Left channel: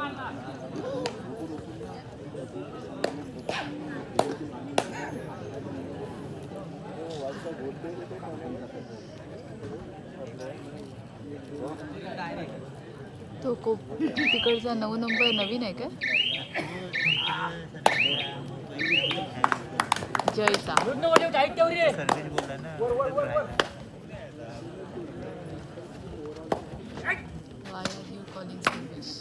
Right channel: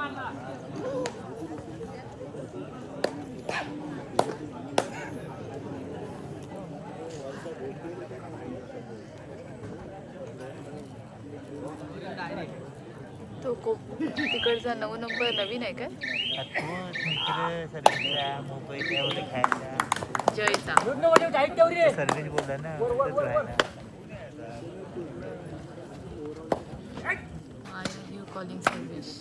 तो तिकडचा 9 नंबर नवीन आहे का? जयचा Why are you calling service?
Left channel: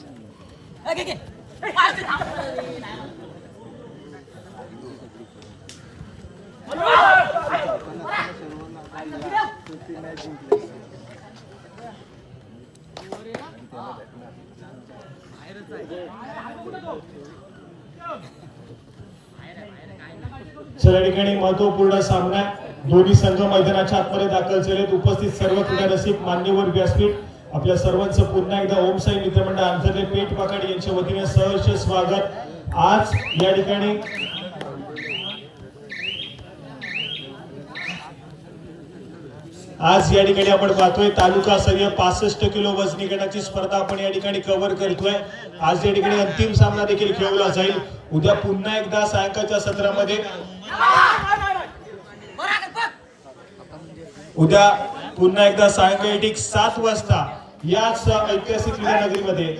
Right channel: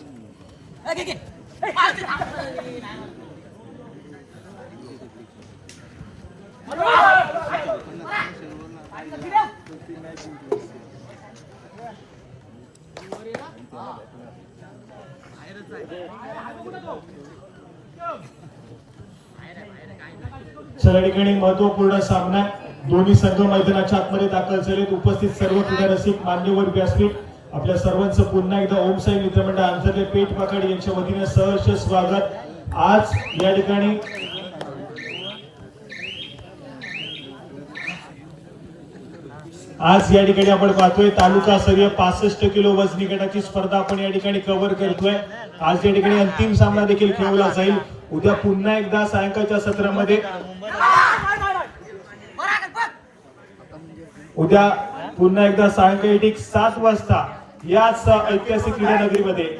चला ठिकाणी महत्वपूर्ण सामना दोन्ही संघ मैदानाच्या आतमध्ये दाखल झालेत. उपस्थित सर्व क्रीडा रसिक मान्यवर व्यासपीठ आपल्या सर्वांचं पुन्हा एकदा ओम साई मित्रमंडळ आंतरले पेठ पाकड यांच्या वतीने सहर्ष स्वागत. आज या ठिकाणी आपण पाहतोय तालुकास्तरीय 65 किलो वजनी गटाची स्पर्धा आपण या ठिकाणी कव्हर करतोय. आज या ठिकाणी अंतिम सामना देखील खेळवला जाईल. उद्या पुन्हा एकदा सायंकाळच्या सत्रामध्ये सायंकाळी ठीक 7 वाजता याच ऐतिहासिक क्रीडा नगरीमध्ये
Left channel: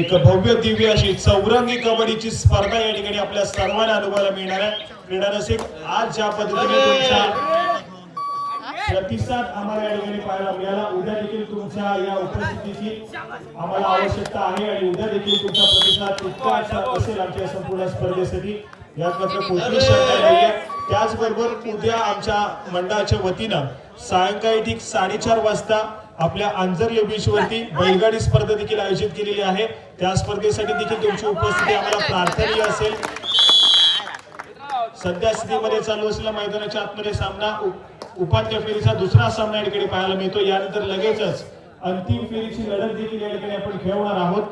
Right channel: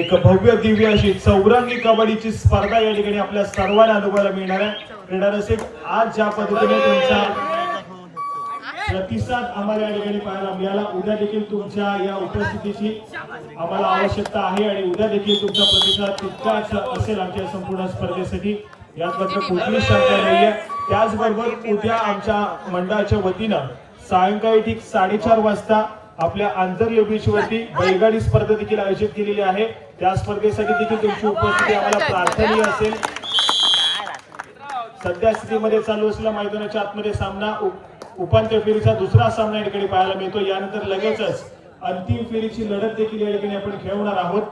एक भव्य दिव्य अशी चौरंगी कबड्डीची स्पर्धा या ठिकाणी आपल्या सर्वांना अनुभवायला मिळणार आहे. क्रीडा रसिक आज ज्या पद्धतीने तुमचा प्रतिसाद आम्हाला या ठिकाणी पाहायला मिळाला, उद्या देखील तुमच्या या उपस्थितीची आम्हाला आवश्यकता आहे आणि उद्या देखील तुमचा प्रतिसाद तितकाच असेल आमच्या संपूर्ण स्पर्धेसाठी. याबद्दल कुठलीच शंका नाहीये. त्याचबरोबर उद्या आमच्या मंडळाच्या वतीनं सायंकाळी ठीक 4:30 वाजता आपल्या आंजर्ले बीच वरती बैलगाडी स्पर्धा देखील आयोजित केलेली आहे. त्या स्पर्धेसाठी देखील तुमची उपस्थिती आम्हाला प्रार्थनीय असेल. सध्या स्थितीमध्ये चालू असलेला मैदानाच्या आतमध्ये सामना उपांत्य फेरीचा दुसरा सामना या ठिकाणी पाहायला मिळतो. यानंतर लगेचच अंतिम फेरीची लढत देखील या ठिकाणी आपण खेळवणार आहोत.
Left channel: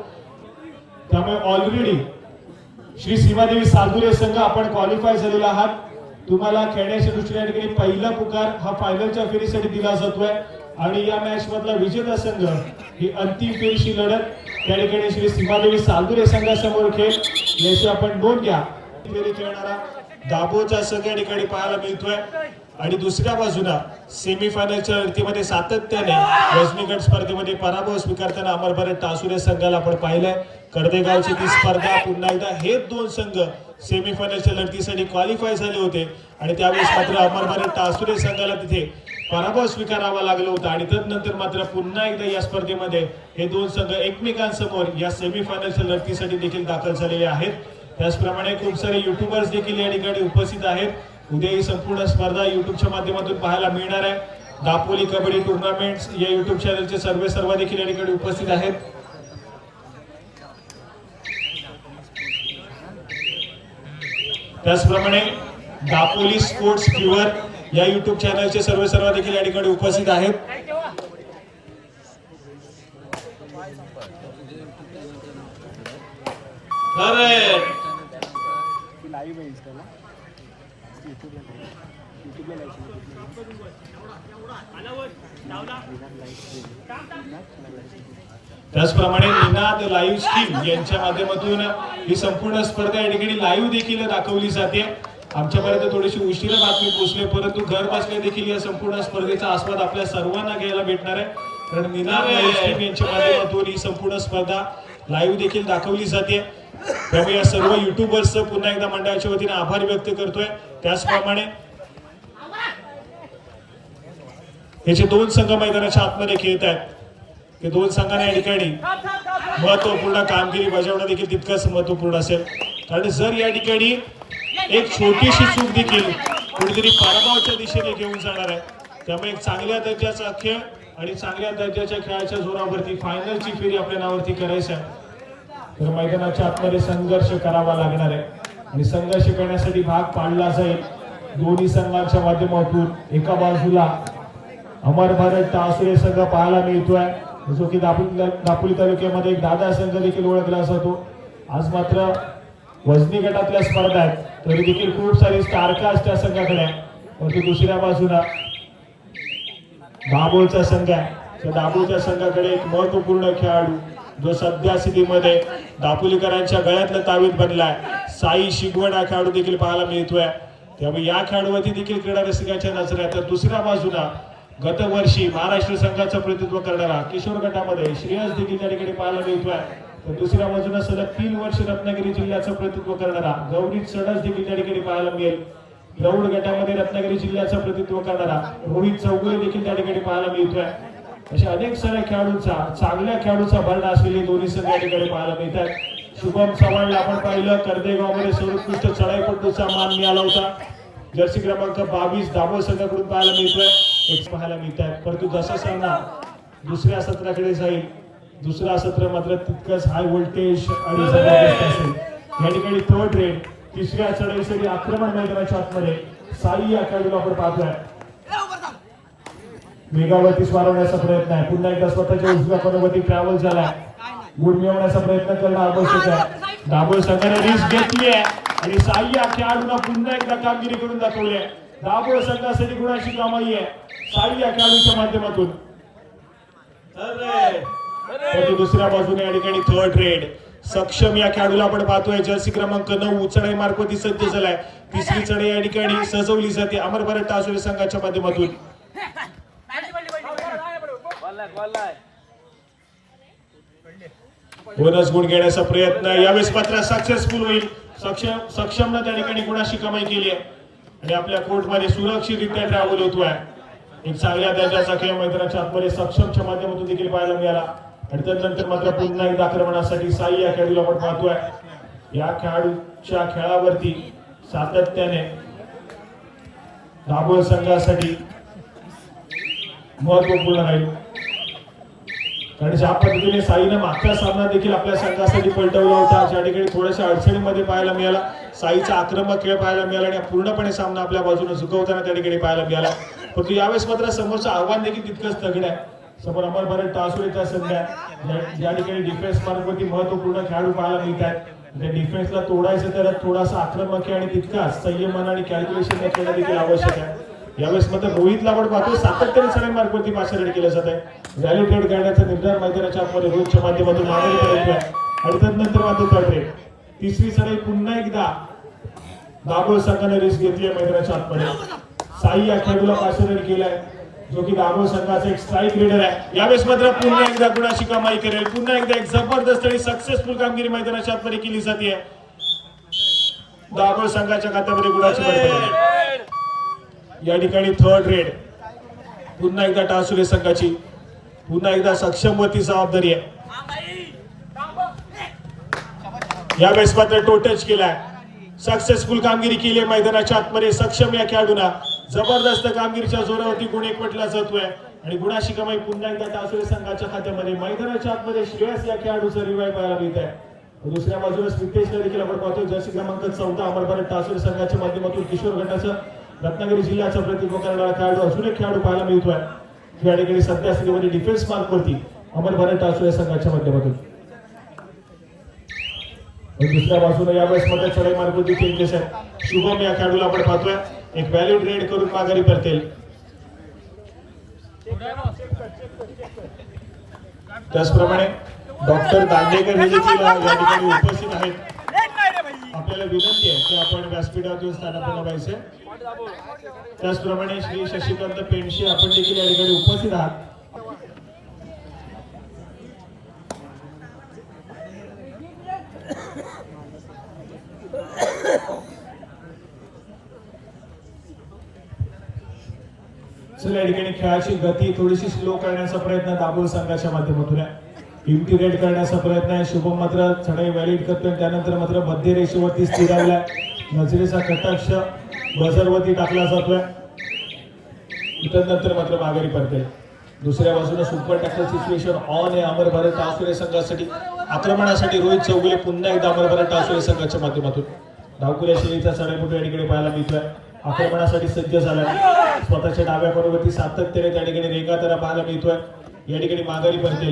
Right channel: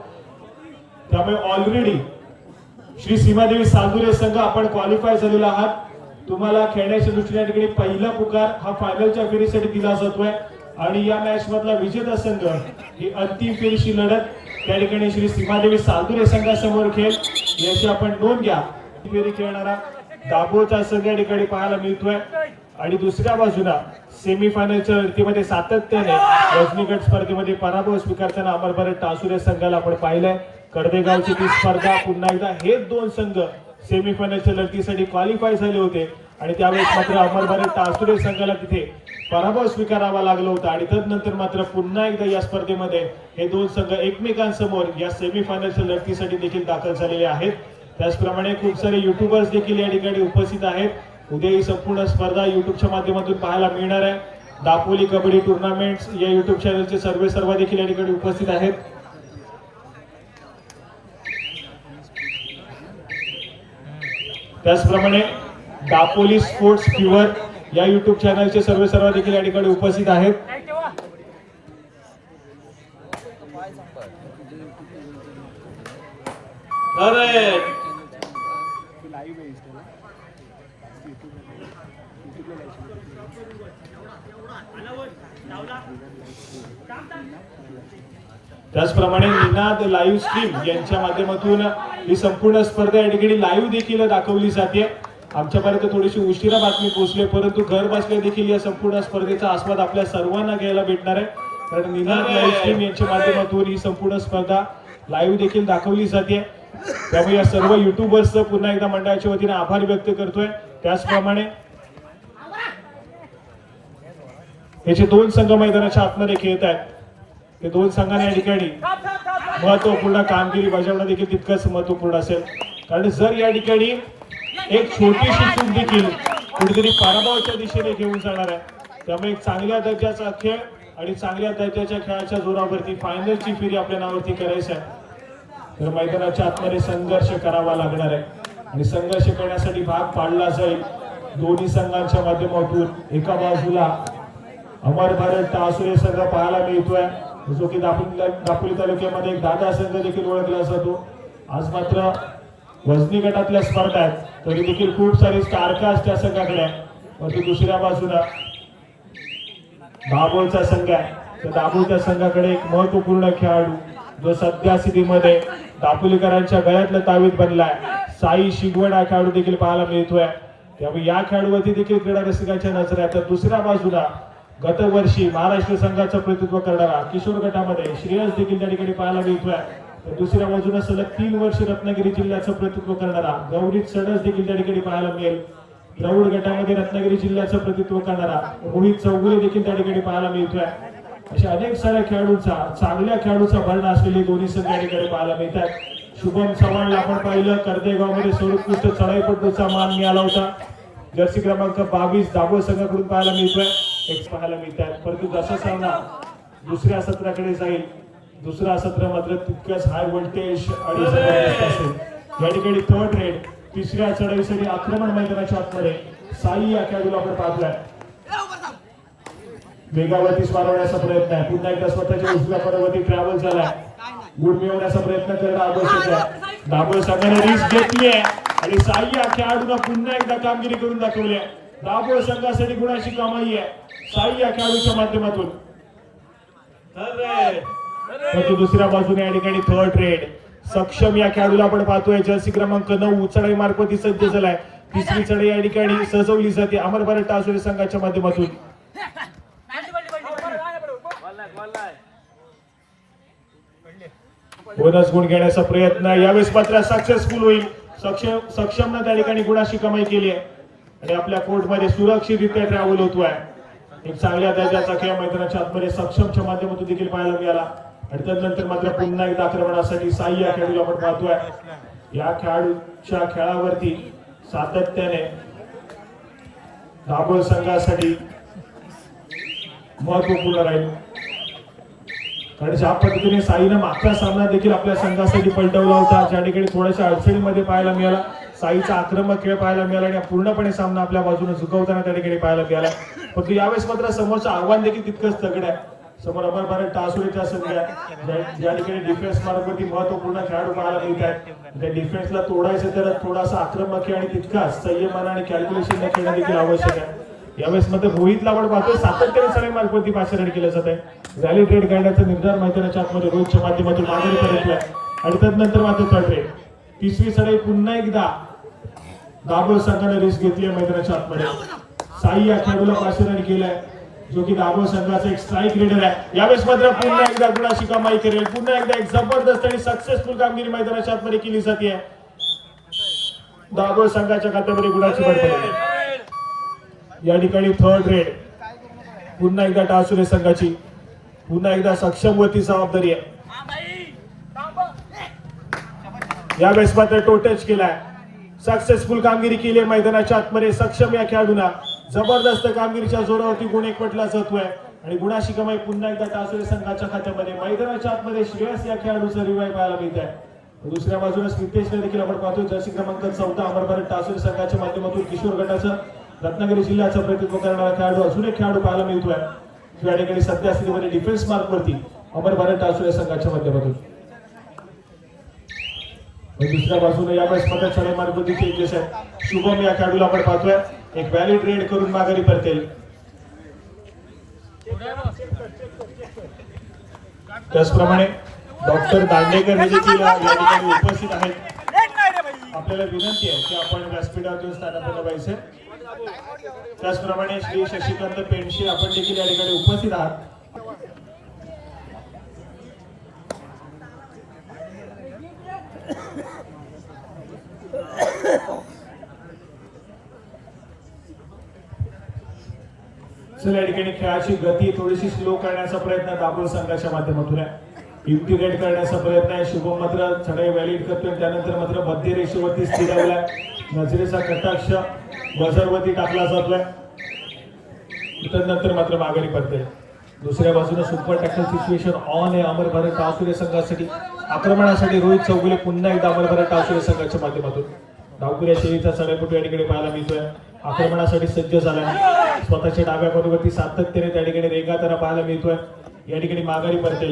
त्यामुळे ऑलरेडी श्री सीमादेवी साजुरे संघ आपण क्वालिफाय झालेले आहात. तुम्हाला खेळण्याच्या दृष्टीने ठिकाणी पहिला पुकार हा फायनलच्या फेरीसाठी दिला जातोय आणि या मॅच मधला विजेता संघ ही अंतिम फेरीची लढत त्या ठिकाणी श्री सीमादेवी साजुरे संघासमोर खेळ याची आपण नोंद घ्या. फेरी खेळणारा दाभोळचा संघ या ठिकाणी पाहायला मिळतोय आणि दुसऱ्या बाजूला सेमीफायनलच्या लढतीमध्ये सातत्याने वजनी गट स्पर्धेमध्ये पराभव स्वीकारताना अमरभरत टासुरे संघाला आपण पाहिलं. कडदेगावची ती स्पर्धा पुन्हा एकदा हे दोन संघ सेमीफायनलच्या लढतीसाठी क्वालिफाय झाले होते आणि त्यावेळेस मात्र अमरभरत टासुरे संघाला तिथे पराभव स्वीकारावा लागला होता आणि तदनंतर मात्र पुन्हा एकदा या स्पर्धेमध्ये हे दोन संघ एकमेकांसमोर या सेमीफायनलच्या लढतीसाठी देखील दाखल झालेले आहेत. त्याचप्रमाणे खूप सारे युट्यूबर्स देखील या ठिकाणी उपस्थित आहेत. उद्या ही संपूर्ण स्पर्धा युट्यूबच्या माध्यमातून पाहायला मिळणार आहे. दापोली कबड्डी टुर्नामेंट्स या युट्यूब चॅनलचे सर्व देखील या ठिकाणी उपस्थित आहेत. त्याचप्रमाणे दापोली स्पोर्ट्स फीवर या युट्यूब चॅनलचे सर्व देखील या ठिकाणी उपस्थित आहेत. त्याचप्रमाणे निनाद लाईव्ह स्ट्रीम यांच्या माध्यमातून ही संपूर्ण स्पर्धा या ठिकाणी लाईव्ह देखील दाखवली जाते. आमच्यापर्यंत थोडीशी उशिरा बातमी पोहोचली परंतु घर बसल्या देखील या संपूर्ण स्पर्धेचा आस्वाद आपल्या सर्वांना घ्यायला भेटणार आहे. कारण निनाद लाईव्ह स्ट्रीम यांच्या माध्यमातून ही संपूर्ण स्पर्धा लाईव्ह देखील दाखवली जाते. त्यामुळे या सर्व युट्यूबर्सचं पुन्हा एकदा मंडळाच्या वतीने आभार व्यक्त करतोय. त्याचप्रमाणे याचे दोन संघ मैदानाच्या आतमध्ये खेळत आहेत. ते दोन संघांना या ठिकाणी महत्वपूर्ण कामगिरी बजावणं देखील तितकंच महत्वपूर्ण असेल. कारण जर या ठिकाणी एक छोटीशी चूक देखील कुठेतरी पराभवाच्या दिशेने घेऊन जाणार आहे. त्यामुळे एक चांगल्या दर्जाचा खेळ आणि चांगल्या दर्जाच्या खेळाच्या जोरावरती फायनलची फेरी आपल्या नावावरती करायचं आहे. तर मैदानाच्या आतमध्ये संघर्ष करावा लागणार आहे आणि संघर्ष करण्यासाठी भाग पाडला जाईल दोन्ही संघांच्या माध्यमातून. एका बाजूला अमरभरत टासुरे संघ पाहायला मिळतोय जो की दापोली तालुक्यामध्ये एक दादा संघ देखील ओळखला जातो. आज मात्र वजनी गटातल्या स्पर्धा आहेत तरी देखील खूप सारी स्टारकास्ट त्या संघाकडे आहे. परंतु दुसऱ्या बाजूला दाभोळचा संघ आहे. दाभोळच्या संघाकडे एक महत्वपूर्ण खेळाडू जो सध्या स्थितीमध्ये दापोलीकरांच्या गळ्यातलं तावीज बनलाय. साई शिगवण हा खेळाडू देखील पाहायला मिळतोय. त्यामुळे या खेळाडूवरती देखील क्रीडा रसिकांच्या नजर आहे. तर दुसऱ्या बाजूला गतवर्षी महाराष्ट्र संघाचं प्रतिनिधित्व करणारा किशोर गटामध्ये श्रेयस देखील त्या ठिकाणी पाहायला मिळतोय. तर दुसऱ्या बाजूला सलग 3 वर्ष रत्नागिरी जिल्ह्याचं प्रतिनिधित्व करणारा गौरीत सडस देखील त्या ठिकाणी पाहायला मिळेल. प्रौढ गटामध्ये रत्नागिरी जिल्ह्याचं प्रतिनिधित्व करणारा रोहित चौगुले देखील त्या ठिकाणी पाहायला मिळतोय. अशा अनेक साऱ्या खेळाडूंचा चांगल्या खेळाडूचा भरणा असलेले दोन्ही संघ त्या ठिकाणी पाहायला मिळतात. शुभम चव्हाणला आपण पाहिलं कर्देगावमध्ये सर्वोत्कृष्ट चढाईपटूचा मान मिळाला होता. जर्सी क्रमांक 22 दाभोळ संघाकडून पाहायला मिळतोय. एक पाहायला मिळतात. परंतु जसा सामना दुसऱ्या सत्राकडे जाईल दुसरा सत्र मात्र तितकंच हाय व्होल्टेज आणि जबरदस्त असेल. या ठिकाणी थर्ड रेड तिसऱ्या चढाईसाठी आक्रमण मैदानाच्या आतमध्ये साई या खेळाडूला आपण पाहतोय. वेगावरती वाढवण्याचा प्रयत्न आहे. पुन्हा एकदा स्वतःच्या उजव्या पदावरती ट्रॅव्हल झाला. गुड मिळवण्याचा प्रयत्न करणं आवश्यक आहे. दाभोळ संघाने रिस्क घेतली आहे आणि साई या खेळाडूला पुन्हा एकदा कामगिरी करून दाखवली आहे. दाभोळ संघासाठी गुणाची कमाई आहे साई या खेळाडूच्या माध्यमातून. दुसऱ्या बाजूने या ठिकाणी थर्ड रेड सक्षम या खेळाडूला आपण पाहतोय. जर्सी क्रमांक 9 चढाई मार्फत सज्ज झालाय. तिसरी चढाई या ठिकाणी सजवली जाते अमर भारत टासुरे संघाच्या माध्यमातून. बोनस गुण घेण्याचा प्रयत्न यावेळेस मात्र सक्सेसफुल होईल. सक्षमनं त्या ठिकाणी गुणाची कमाई केली आहे आणि आपल्या कोर्टमध्ये सुरक्षितरित्या ट्रॅव्हल होतोय. एक चांगल्या दर्जाचा खेळ मैदानाच्या आतमध्ये सक्षमच्या माध्यमातून देखील पाहायला मिळाला आणि त्यानंतर मात्र पुन्हा एकदा आक्रमणासाठी साई या खेळाडूला आपण पाहतोय. या खेळाडूच्या खेळावरती सातत्याने दाभोळ संघासाठी महत्वपूर्ण राहील. कारण ज्या पद्धतीने साईनं मागचा सामना देखील आपल्या संघासाठी पलटवला होता ज्या ठिकाणी थोड्याशा अडचणीमध्ये पाहायला मिळाला. साईचा आक्रमक खेळ पाहायला मिळाला आणि पूर्णपणे सामना आपल्या बाजूने झुकवताना त्या ठिकाणी पाहायला मिळाला. परंतु यावेळेस मात्र समोरचं आव्हान देखील तितकंच तगड आहे. समोर अमर भारत टासुरेचा संघ आहे ज्या ठिकाणी डिफेन्स मार्फत महत्वपूर्ण खेळाडू पाहायला मिळतात. त्या डिफेन्सला तोडायचं तर थोडासा आक्रमक खेळ आणि तितकाच संयमानं आणि कॅल्क्युलेशन देखील आवश्यक आहे. यावेळेस मात्र रोहितला आपण पाहतो सातत्याने सगळ्या मार्फत पाचारण केलं जात आहे. रॅली ट्रेड करण्याचा निर्धार मैदानाच्या आतमध्ये रोहितच्या माध्यमातून आघाडी पर्यंत आहे आणि त्यानंतर मात्र करते. तिसरी सराई पुन्हा एकदा दाभोळ संघाने रिस्क घेतली आहे मैदानाच्या आतमध्ये. साई या खेळाडूला पाचारण केलंय जो की दाभोळ संघाचा एक स्ट्राईक लीडर आहे. यावेळेस मात्र पुन्हा एकदा गुणाची कमाई करेल. पुन्हा एकदा एक जबरदस्त आणि सक्सेसफुल कामगिरी मैदानाच्या आतमध्ये केली जाते. दाभोळ संघाच्या खात्यामध्ये गुणाची भर या ठिकाणी थर्ड रेड पुन्हा एकदा टासुरे संघाची पुन्हा एकदा सक्षम वरती जबाबदारी आहे. यावेळेस मात्र टोटच केलाय. सक्सेसफुल कामगिरी केली मैदानाच्या आतमध्ये सक्षम या खेळाडूला जबरदस्त कामगिरीच्या जोरावरती गुण एकवटला जातोय आणि गुणाची कमाई पुन्हा एकदा टासुरे संघाच्या खात्यामध्ये. मैदानाच्या आतमध्ये श्रेयस या खेळाडूचा रिवाय पाहायला मिळत आहे. दुसऱ्या बाजूला स्मितेशला देखील आपण पाहतो जर्सी क्रमांक 14 अमर भारत टासुरे संघाच्या माध्यमातून किशोर गटाचं रत्नागिरी जिल्ह्याचं प्रतिनिधित्व करणारा खेळाडू अजून एक खेळाडू पाहायला मिळतोय. या ठिकाणी सध्या स्थितीमध्ये डिफेन्स मार्कवरती अमर भारत टासुरे संघाच्या माध्यमातून. दुसऱ्या बाजूने यावेळेस मध्ये चढाई मार्गवरती चेंजेस आहे. शुभम या खेळाडूला आपण पाहतोय एक व्हॅलिड रेड करून माघारी परतेल. त्याचप्रमाणे डॉक्टर दांडेकर देखील उपस्थित आहेत. आपल्याला विनंती आहे की आपण व्यासपीठातून स्थानापन्न व्हायचे. त्याचप्रमाणे श्री शशिकांत पेंडशे आपण देखील या ठिकाणी उपस्थित आहात. या ठिकाणी खेळाची गती थोडीशी स्लो करण्याचा प्रयत्न दाभोळ संघाच्या माध्यमातून आहे. इंटिग्रेट करण्याचा प्रयत्न आहे. शुभम मात्र चढाई व्हॅलिड करतोय त्यानंतर मात्र मध्य रेषेवरती स्थिरावलाय. नजरेचा कटाक्ष बझरवरती टाकला जातोय त्यानंतर मात्र माघारी करते. दुसऱ्या बाजूला सुपर टॅकल सिच्युएशन ऑन आहे अमर भारत टासुरे संघासाठी. आक्रमणासाठी रोहित चौगुले पुन्हा एकदा अमर भारत टासुरे संघाच्या माध्यमातून. धावकऱ्या शैलीचा चढाईपटू या ठिकाणी पाहायला मिळतोय. आक्रमणासाठी सज्ज झाला स्वतःच्या डाव्या बरोबरती सातत्याने त्या ठिकाणी रेगाताना पाहायला मिळतोय. या ठिकाणी माघारी करते.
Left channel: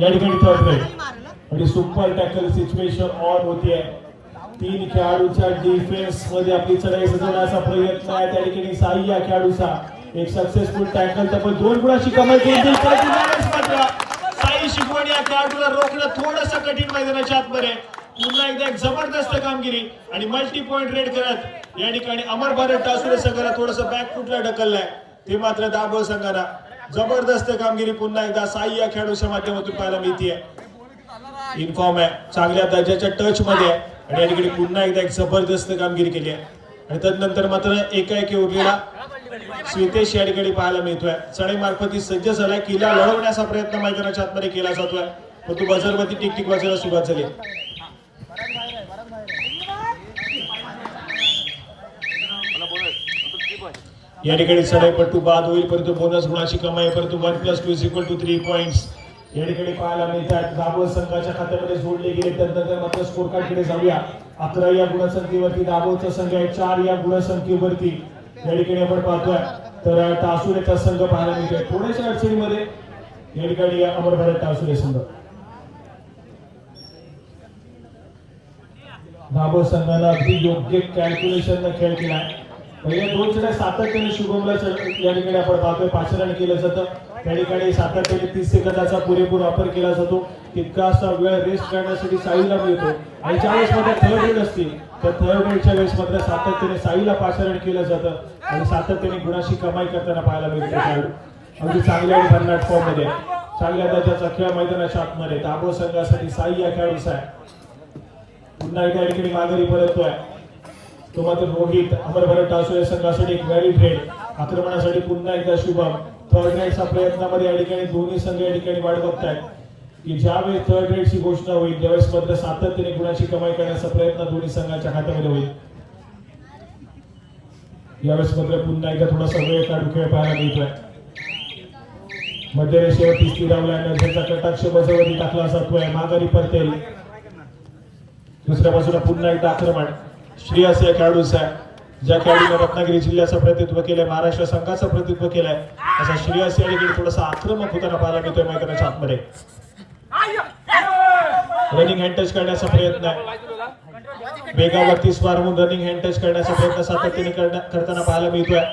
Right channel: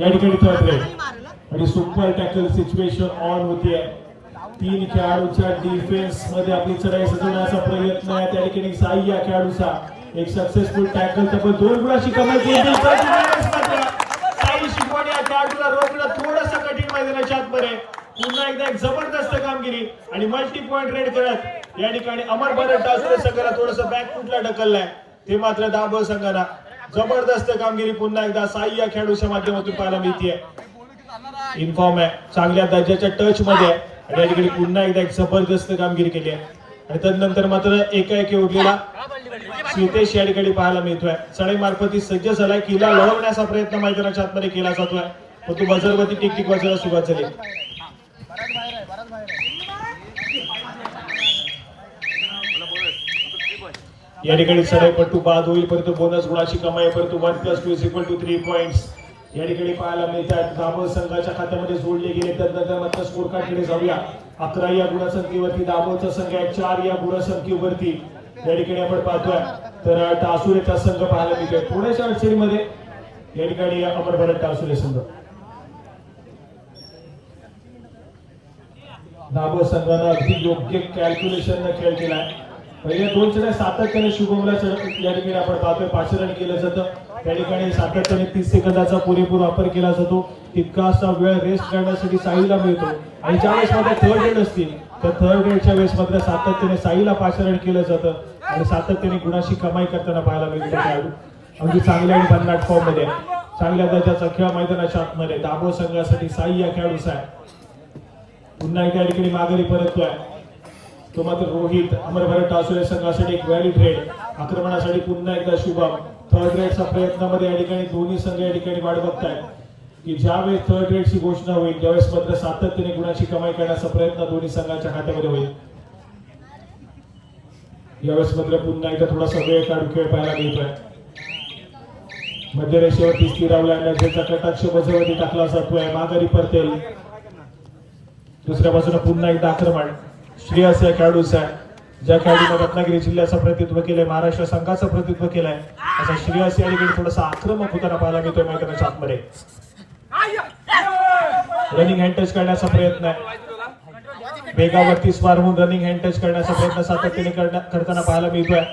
या ठिकाणी थर्ड रेड आणि सुपर टॅकल सिच्युएशन ऑन होतीये. 3 खेळाडूच्या डिफेन्स मध्ये आपली चढाई सजवण्याचा प्रयत्न आहे. त्या ठिकाणी साई या खेळाडूचा एक सक्सेसफुल टॅकल त्यामुळे 2 गुणाची कमाई केली. परंतु काही शिकवण या खेळाडूला रोखणं थोडंसं कठीण मैदानाच्या आतमध्ये. पुन्हा एकदा एक जबरदस्त कामगिरी आणि मल्टी पॉइंट रेड करत या ठिकाणी अमर भारत टासुरे संघाला थोडंसं बॅक फुटला ढकललंय. ते मात्र दाभोळ संघाला जबरदस्त कामगिरी पुन्हा एकदा साई या खेळाडूच्या माध्यमातून पाहायला मिळते. इन्फॉर्म आहे, चांगल्या दर्जाच्या टच मध्ये आणि या ठिकाणी पुन्हा एकदा एक जबरदस्त कामगिरी केली आहे. आणि त्यानंतर मात्र एकाएकी उरलेला स्मितेश या ठिकाणी पाहायला मिळतोय. सडे मार्फती सज्ज झालाय, किल्ला लढवण्याचा प्रयत्न मैदानाच्या आतमध्ये केला जातोय, परंतु बजरगती टिकटिक वाजायला सुरुवात झाली. या ठिकाणी सडेपट्टू बाद होईल, परंतु बोनस गुणाची कमाई, परंतु 1+2 = 3 पॉइंट्स या ठिकाणी पाहायला मिळतात. दाभोळ संघाच्या खात्यामध्ये जोडले गेले. तर मात्र स्कोर कार्डकडे जाऊया. 11 या गुणसंख्येवरती दाभोळचा संघ आहे, 4 या गुणसंख्येवरती या ठिकाणी आपण पाहतोय. तर टासुरेचा संघ पाहायला मिळतोय थोड्याशा अडचणीमध्ये या ठिकाणी अमर भारत टासुरे संघ. दाभोळ संघानं अगदी योग्य कॅल्क्युलेशन खेळ केलाय. पहिल्या 2 चढ्या सातत्याने शुभमला या ठिकाणी आपण पाहतोय पाचरण केलं जातं. त्या ठिकाणी सातत्याने 30 सेकंदाचा पुरेपूर वापर केला जातो. तितकासा वेळ रेस्ट करण्यासाठी साईला मिळतो. आणि ज्यावेळेस मध्ये थर्ड रेड असतील तर थर्ड रेडच्या वेळेस मात्र सातत्याने साईला पाचरण केलं जातं आणि सातत्याने गुणाची कमाई करताना पाहायला मिळतो. अगदी चांगल्या आणि भन्नाट फॉर्म मध्ये चांगल्या दर्जाचा खेळ मैदानाच्या आतमध्ये दाभोळ संघासाठी साई या खेळाडूचा आहे. पुन्हा एका ठिकाणी माघारी परततोय तो मात्र रोहित. अमर भारत टासुरे संघासाठी एक व्हॅलिड रेड आक्रमणासाठी पुन्हा एकदा शुभम. थर्ड रेडचा प्रयत्नामध्ये या ठिकाणी दोन्ही संघ या ठिकाणी वाट बघतायत की ज्यावेळेस थर्ड रेडची घोषणा होईल त्यावेळेस मात्र सातत्याने गुणाची कमाई करण्याचा प्रयत्न दोन्ही संघाच्या खात्यामध्ये होईल. यावेळेस मात्र पुन्हा एकदा थोडासा वेळ काढून खेळ पाहायला मिळतोय. मध्यरेषेवरती स्थिरावलाय, नजरेचा कटाक्ष बजेवरती टाकला जातोय, माघारी परतेल. दुसऱ्या बाजूला पुन्हा एकदा आक्रमण श्रेयस या खेळाडूचा, ज्या खेळाडूने रत्नागिरी जिल्ह्याचं प्रतिनिधित्व केलं, महाराष्ट्र संघाचं प्रतिनिधित्व केलंय, असा श्रेयस या ठिकाणी थोडासा आक्रमक होताना पाहायला मिळतोय मैदानाच्या आतमध्ये. रनिंग हँड टच करण्याचा प्रयत्न आहे, बेगावरती स्वार होऊन रनिंग हँड टच करण्याचा प्रयत्न सातत्याने करताना पाहायला मिळतोय.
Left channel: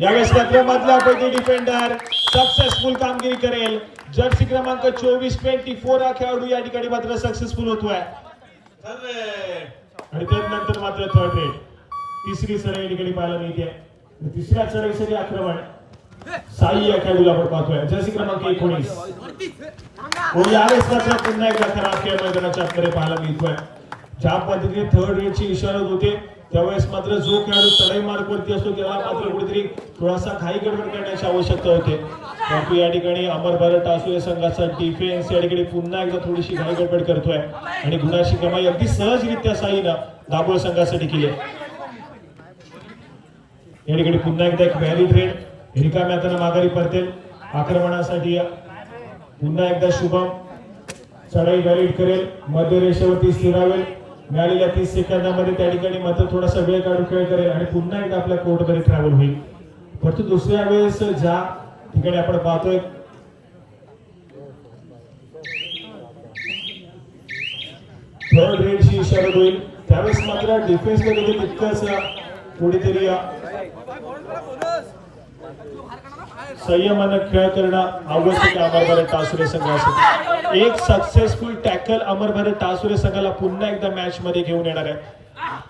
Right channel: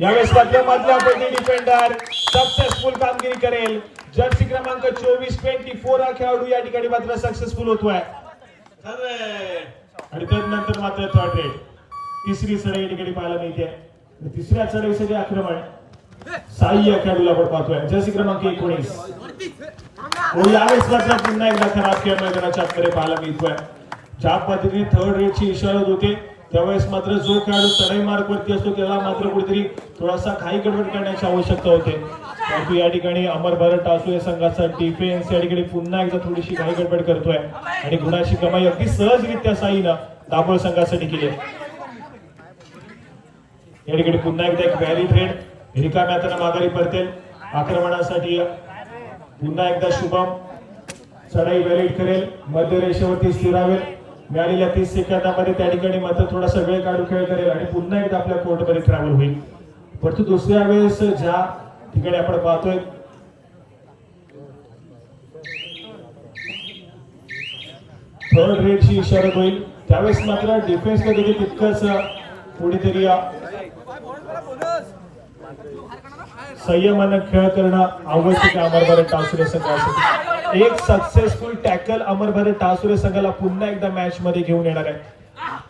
यावेळेस मधल्या पैकी डिफेंडर सक्सेसफुल कामगिरी करेल. जर्सी क्रमांक 24 हा खेळाडू या ठिकाणी मात्र सक्सेसफुल होतोय. आणि त्यानंतर मात्र थर्ड रेड तिसरी सराई ठिकाणी पाहायला मिळते. तिसऱ्या चढाईसाठी आक्रमण साई या खेळाडूला आपण पाहतोय. जर्सी क्रमांक 19 यावेळेस मात्र पुन्हा एकदा खराब खेळ मैदानाच्या आतमध्ये पाहायला मिळतोय. ज्या पद्धतीने थर्ड रेडची इशारत होते त्यावेळेस मात्र जो खेळाडू चढाई मार्क वरती असतो तेव्हा मात्र कुठेतरी थोडासा घाई गडबड करण्याची आवश्यकता होते. परंतु या ठिकाणी अमर भारत टासुरे संघाचा डिफेन्स या ठिकाणी पुन्हा एकदा थोडीशी घाई गडबड करतोय आणि गुणाची कमाई अगदी सहजरित्या साईला दाभोळ संघासाठी केली. या ठिकाणी पुन्हा एकदा एक व्हॅलिड रेड रिकाम्या हाताने माघारी परतेल. आक्रमणासाठी पुन्हा एकदा शुभम चढाई व्हॅलिड करेल, मध्य रेषेवरती स्थिरावेल. मिळालेल्या 30 सेकंदामध्ये त्या ठिकाणी मात्र थोडासा वेळ काढून खेळ करेल आणि पुन्हा एकदा आपल्या कोर्टमध्ये ट्रॅव्हल होईल. परंतु दुसऱ्या वेळेस ज्या ठिकाणी आपण पाहतोय थर्ड रेडची इशारा होईल त्यावेळेस मात्र डिफेन्सला कधी तितकंच कुठेतरी संयमाने खेळ करणं आवश्यक आहे अमर भारत टासुरे संघासाठी. एक सक्सेसफुल टॅकल अमर भारत टासुरे संघाला पुन्हा एकदा मॅच मध्ये घेऊन येणार आहे,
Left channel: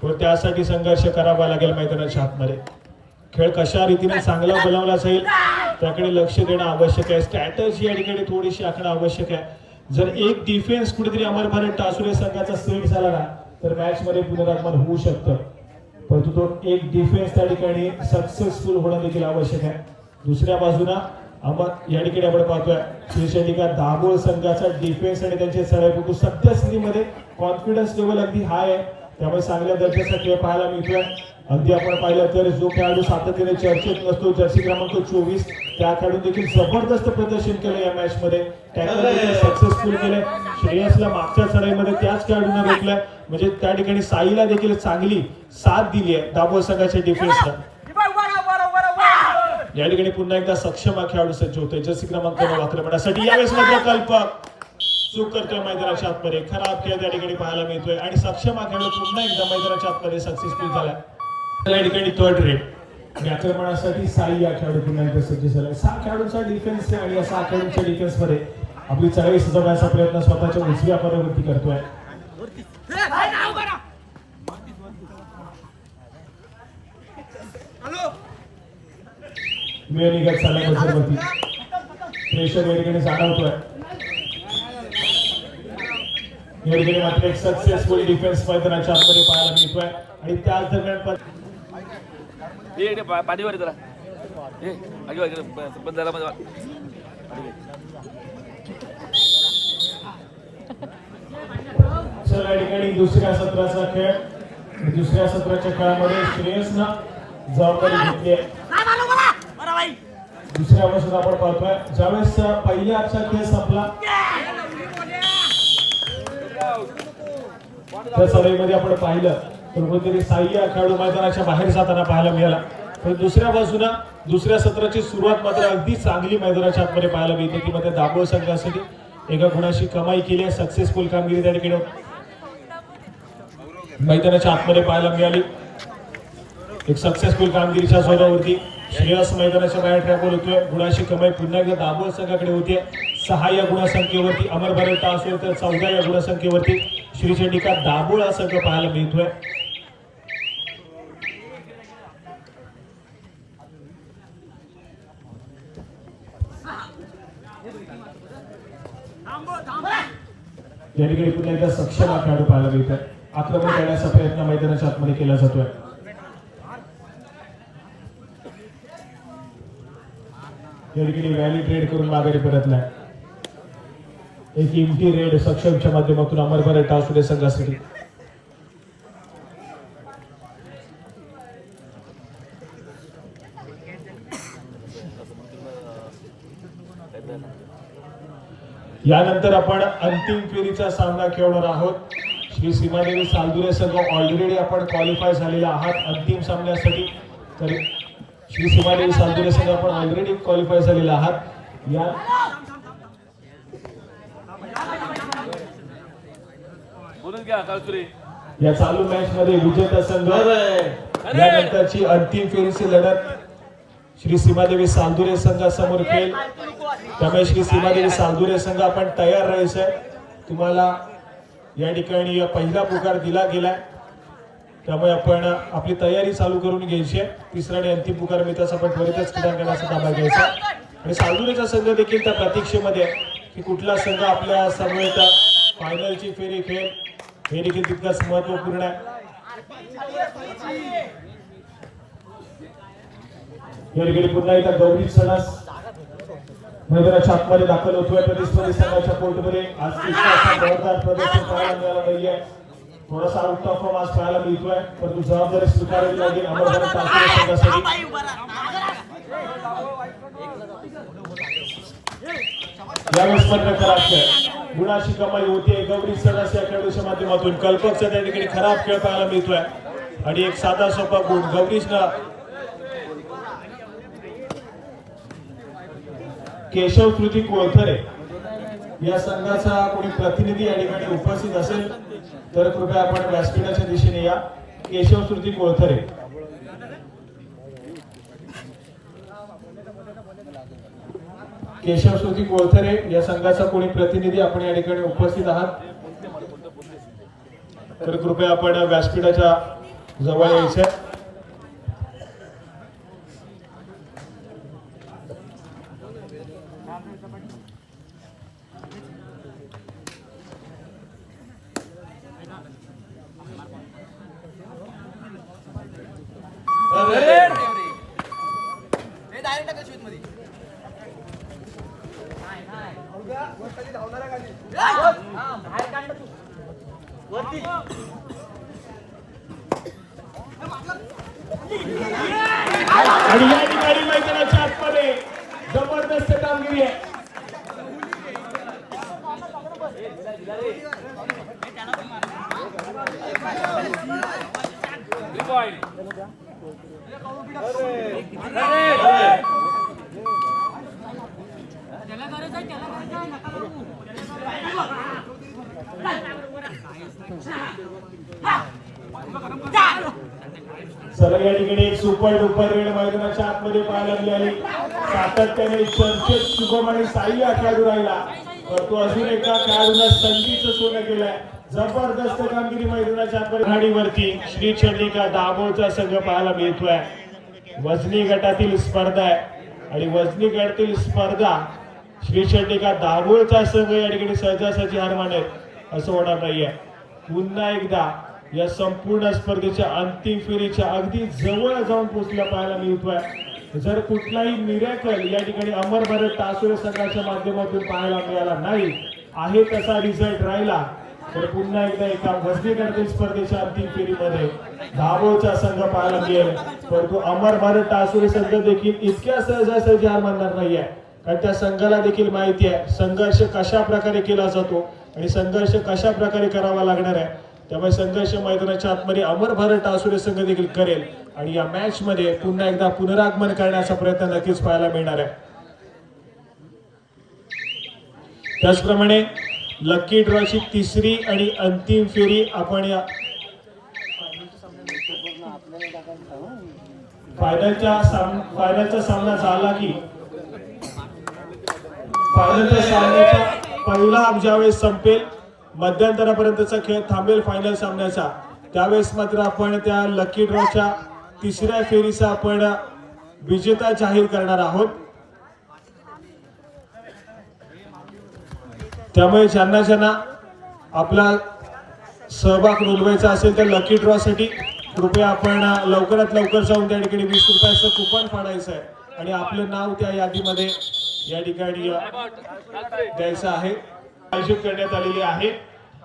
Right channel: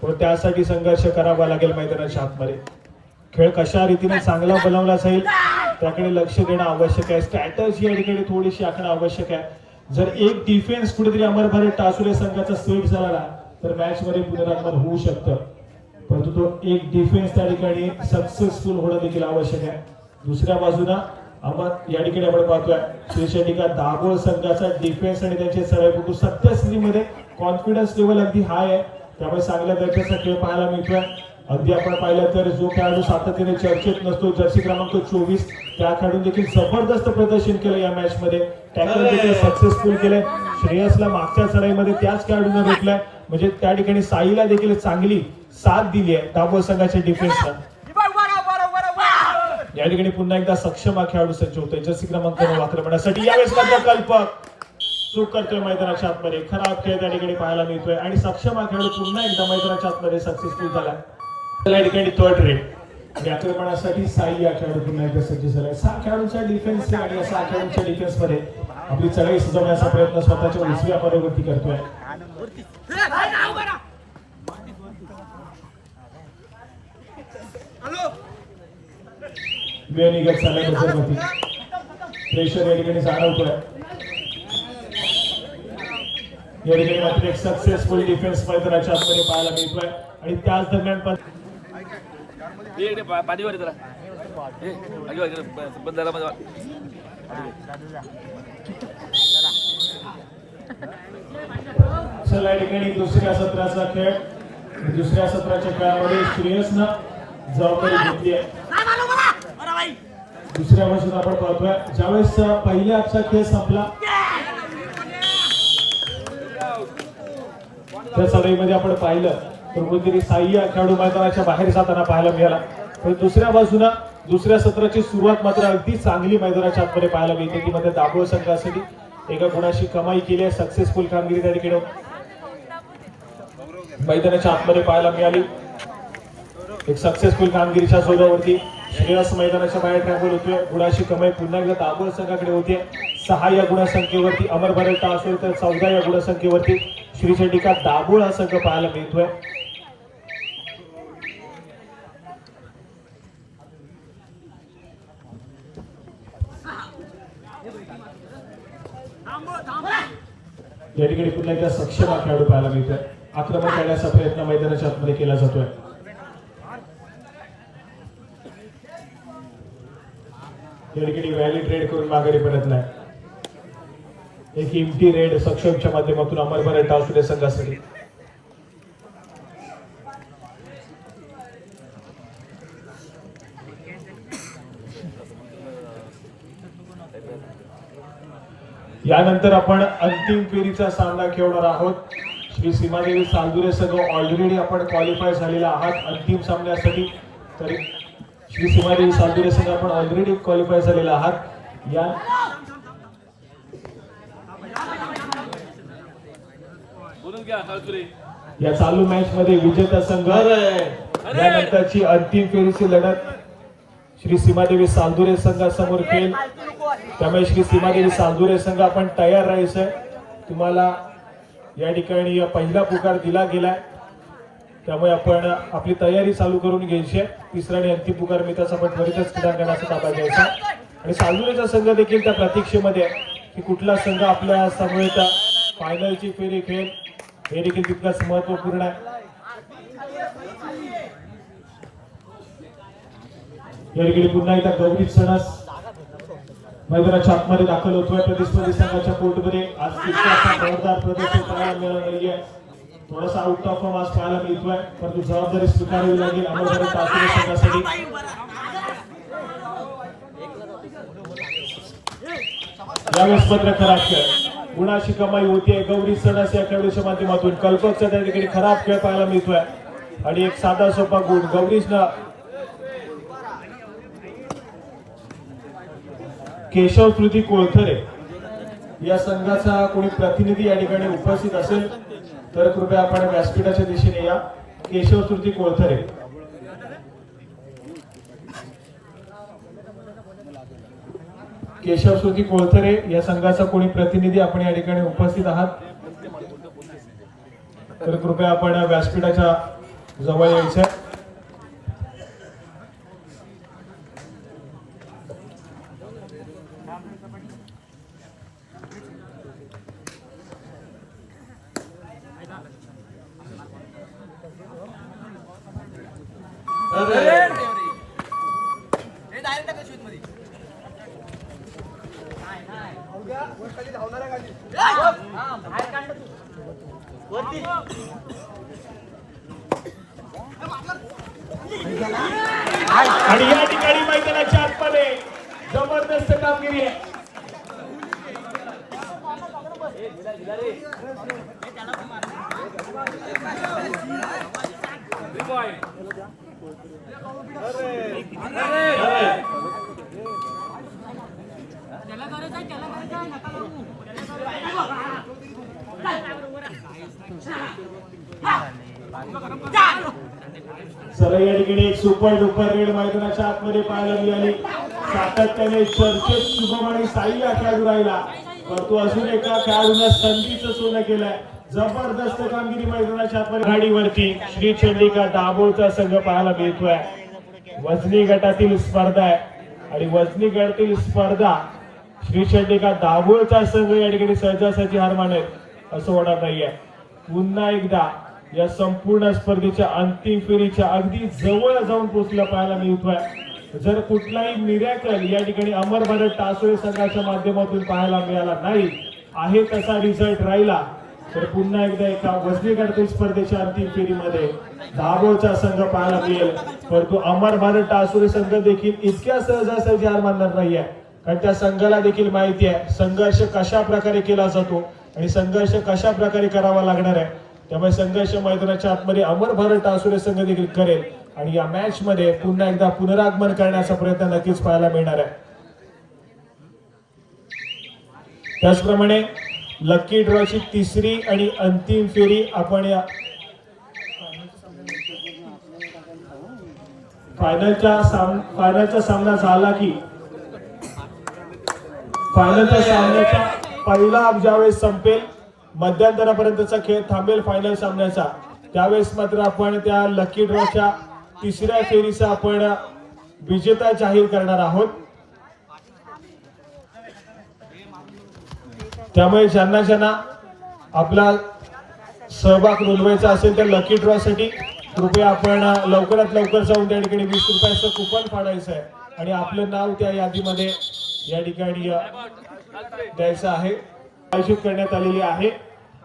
पण त्यासाठी संघर्ष करावा लागेल मैदानाच्या आतमध्ये. खेळ कशा रीतीने चांगला बनवला जाईल त्याकडे लक्ष देणं आवश्यक आहे. स्ट्रॅटर्जी या ठिकाणी थोडीशी आखणं आवश्यक आहे. जर एक डिफेन्स कुठेतरी अमर भारत टासुरे संघाचा सेट झाला ना तर मॅच मध्ये पुनरागमन होऊ शकतं, परंतु तो एक डिफेन्स त्या ठिकाणी सक्सेसफुल होणं देखील आवश्यक आहे. दुसऱ्या बाजूला या ठिकाणी आपण पाहतोय श्रीशंका दाभोळ संघाचा डिफेन्स आणि त्यांचे सराईपटू सद्यस्थितीमध्ये कॉन्फिडन्स लेवल अगदी हाय आहे, त्यामुळे चांगल्या दर्जाचा खेळ पाहायला मिळतोय. अगदी आपण पाहिलं तर जो खेळाडू सातत्याने चर्चेत नसतो जर्सी क्रमांक 24 त्या खेळाडूने देखील जबरदस्त प्रदर्शन केलं या मॅच मध्ये. टॅकल देखील सक्सेसफुल केले. श्रेयसला मागच्या चढाईमध्ये त्याच खेळाडूने रोखलं, म्हणजे त्या ठिकाणी साईला देखील चांगली साथ दिली आहे दाभोळ संघाच्या डिफेन्सला. या ठिकाणी पुन्हा एकदा सक्षम हा खेळाडू सज्ज होते जर्सी क्रमांक 9 आक्रमणासाठी. यावेळेस मात्र कल्पक चूक करतोय मैदानाच्या आतमध्ये. खराब खेळ त्या ठिकाणी पाहायला मिळतोय आणि सक्षम हा खेळाडू पुन्हा एकदा मैदानाच्या आतमध्ये सक्सेसफुल झालाय. या ठिकाणी थर्ड रेड आक्रमणासाठी साई या खेळाडू पुन्हा एकदा सज्ज झालाय. 6 खेळाडूंचा डिफेन्स आणि या 6 खेळाडूंच्या डिफेन्स मध्ये आपली चढाई सजवण्याचा प्रयत्न स्वतःच्या उजव्या पायावरती करतोय. वेळ निघत चाललाय वरती. प्रेशर या ठिकाणी जाणवतोय. या ठिकाणी मात्र एक सक्सेसफुल डिफेन्स मैदानाच्या आतमध्ये पाहायला मिळतोय आणि त्याच दरम्यान पण पाणीवर जरा बंद झाला माझा. चला या ठिकाणी दुसऱ्या सत्राचा खेळ. दुसऱ्या सत्राच्या खेळामध्ये श्रेयसनं जबाबदारी घेतली आहे. दुसऱ्या पासून आपण पाहतोय ज्यावेळेस पहिल्या आजचा खेळ संपला त्या सभेमध्ये आपण पाहिलं तर कोणतरी साह्य खेळाडू मैदानाच्या बाहेर जाताना पाहायला मिळाला. पण दुसऱ्या बाजूला दुसऱ्या सत्राची सुरुवात मात्र अगदी चांगली मैदानाच्या आतमध्ये पाहायला मिळते. ती मध्ये दाभोळ संघासाठी एका गुणाची कमाई केली आहे. सक्सेसफुल कामगिरी त्या ठिकाणी मैदानाच्या आतमध्ये पाहायला मिळाली. एक सक्सेसफुल कामगिरीच्या जोरावरती श्रेयस मैदानाच्या बाहेर ट्रॅकवर होतोय. गुणाची कमाई पुन्हा एकदा दाभोळ संघाकडे होते. 6 या गुणसंख्येवरती अमर बरटा असेल तर 14 या गुणसंख्येवरती श्री चंडिका दाभोळ हा संघ पाहायला मिळतोय. या ठिकाणी पुन्हा एकदा सक्षम हा खेळाडू पाहायला मिळतोय. आक्रमण करण्याचा प्रयत्न मैदानाच्या आतमध्ये केला जातोय. या ठिकाणी व्हॅलिड रेड करून माघारी परतलाय. एक इम्प्टी रेड सक्षमच्या माध्यमातून अमर बरटा असुरे संघासाठी. यानंतर आपण अंतिम फेरीचा सामना खेळणार आहोत. श्री सीमादेवी सालदुरे संघ ऑलरेडी आपण क्वालिफाय झालेला आहात अंतिम सामन्यासाठी. तर श्री सीमादेवी सालदुरे संघ आपण ऑलरेडी क्वालिफाय झालेला आहात. या चालू मॅच मध्ये विजेता संघ यानंतरची अंतिम फेरीची लढत श्री सीमादेवी सालदुरे संघासमोर खेळ. त्यामुळे श्री सीमादेवी सालदुरे संघ आपण तयार राहायचंय. तुम्हाला या ठिकाणी पहिला पुकार दिला गेलाय त्यामुळे आपण आपली तयारी चालू करून घ्यायची. तिसरा आणि अंतिम पुकार मिळताच आपण त्वरितच क्रीडांगणाचा ताबा घ्यायचा. आणि सालदुरेचा संघ देखील त्या प्रतीक्षेमध्ये की कुठला संघ आपल्या समोर फायनलची फेरी खेळ हे देखील तितकंच महत्वपूर्ण आहे. या ठिकाणी पुन्हा एकदा गौरी सणस मैदानाच्या आतमध्ये दाखल होतोय. प्रतिस्पर्धी संघाच्या कोर्टमध्ये आज प्रदर्शन पाहायला मिळालं नाहीये. थोडासा आउट ऑफ फॉर्म आज पाहायला मिळतोय परंतु जबाबदारी स्वीकारावी लागेल. यावेळी स्पर्धे खराब खेळ गुणाची कमाई होतीये. गौरी सणस या खेळाडूच्या माध्यमातून कल्पकचा त्या ठिकाणी खराब खेळ पाहायला मिळतोय आणि एक साधा सोपा गुण गौरीशनं केशव श्रुती कोळथरे या संघाचा कोणी प्रतिनिधी या ठिकाणी उपस्थित असेल तर कृपया आपण व्यासपीठाच्या दिशेने या. केशव श्रुती कोळथरे केशव श्रुती कोळथरे या संघाचा कोणी प्रतिनिधी आपण या ठिकाणी उपस्थित आहात तर कृपया आपण व्यासपीठाच्या जवळ यायचं. आणि या ठिकाणी मैदानाच्या आतमध्ये जबरदस्त कामगिरी आहे. चला या ठिकाणी एक सुपर डुपर रेड मैदानाच्या आतमध्ये पाहायला मिळाली. सातत्याने चर्चेत शुभम आणि साई या खेळाडू राहिला परंतु अजून एका खेळाडूला संधीचं सोनं केलंय. जबरदस्त कामगिरी मैदानाच्या आतमध्ये गाडीवरती श्री चंडिका दाभोळचा संघ पाहायला मिळतोय. वजनी गटातील स्पर्धा आहे आणि वजनी गटातील स्पर्धा श्री चंडिका दाभोळचा संघ या ठिकाणी सहजासहजी हार मानेल असं होणार नाहीये. पुन्हा एकदा या संपूर्ण स्पर्धेच्या अंतिम फेरीच्या अगदी जवळ जाऊन पोहोचलं पाहायला मिळतोय. जर कुठलाही मिरॅकल या ठिकाणी अमर भारत टासोळे संघाच्या माध्यमातून पाहायला मिळाला नाही आहे तसा रिझल्ट राहिला तर पुन्हा एकदा एका वजनी गटातील स्पर्धेच्या अंतिम फेरीमध्ये दाभोळचा संघ पाहायला मिळेल. परंतु अमर भारत टासोळे संघ देखील इतक्या सहजासहजी हार मानणार नाहीये. कारण त्या संघाला देखील माहिती आहे संघर्ष कशा प्रकारे केला जातो आणि संघर्ष कशा प्रकारे करावा लागणार आहे. त्यामुळे संघर्ष मैदानाच्या आतमध्ये अमर भारत टासोळे संघ देखील करेल आणि या मॅच मध्ये पुन्हा एकदा पुनरागमन करण्याचा प्रयत्न नक्कीच पाहायला मिळणार आहे. त्याचप्रमाणे लकी ड्रॉची तिसरी आणि अंतिम फेरी आपण फायनलचा सामना झाला की फायनलच्या सामन्याचा पहिला ज्यावेळेस संपेल मध्यंतरापर्यंतचा खेळ थांबेल फायनल सामन्याचा त्यावेळेस मात्र आपण त्या लकी ड्रॉच्या तिसऱ्या फेरीचा आपण विजेता जाहीर करणार आहोत. त्यामुळे ज्यांना आपला सहभाग नोंदवायचा असेल तर लकी ड्रॉ साठी कृपया आपण लवकरात लवकर जाऊन त्या ठिकाणी 20 रुपयाचं कुपन फाडायचं आहे आणि आपलं नाव त्या यादीमध्ये या ठिकाणी द्यायचं आहे. आयोजित करण्यात आलेली आहे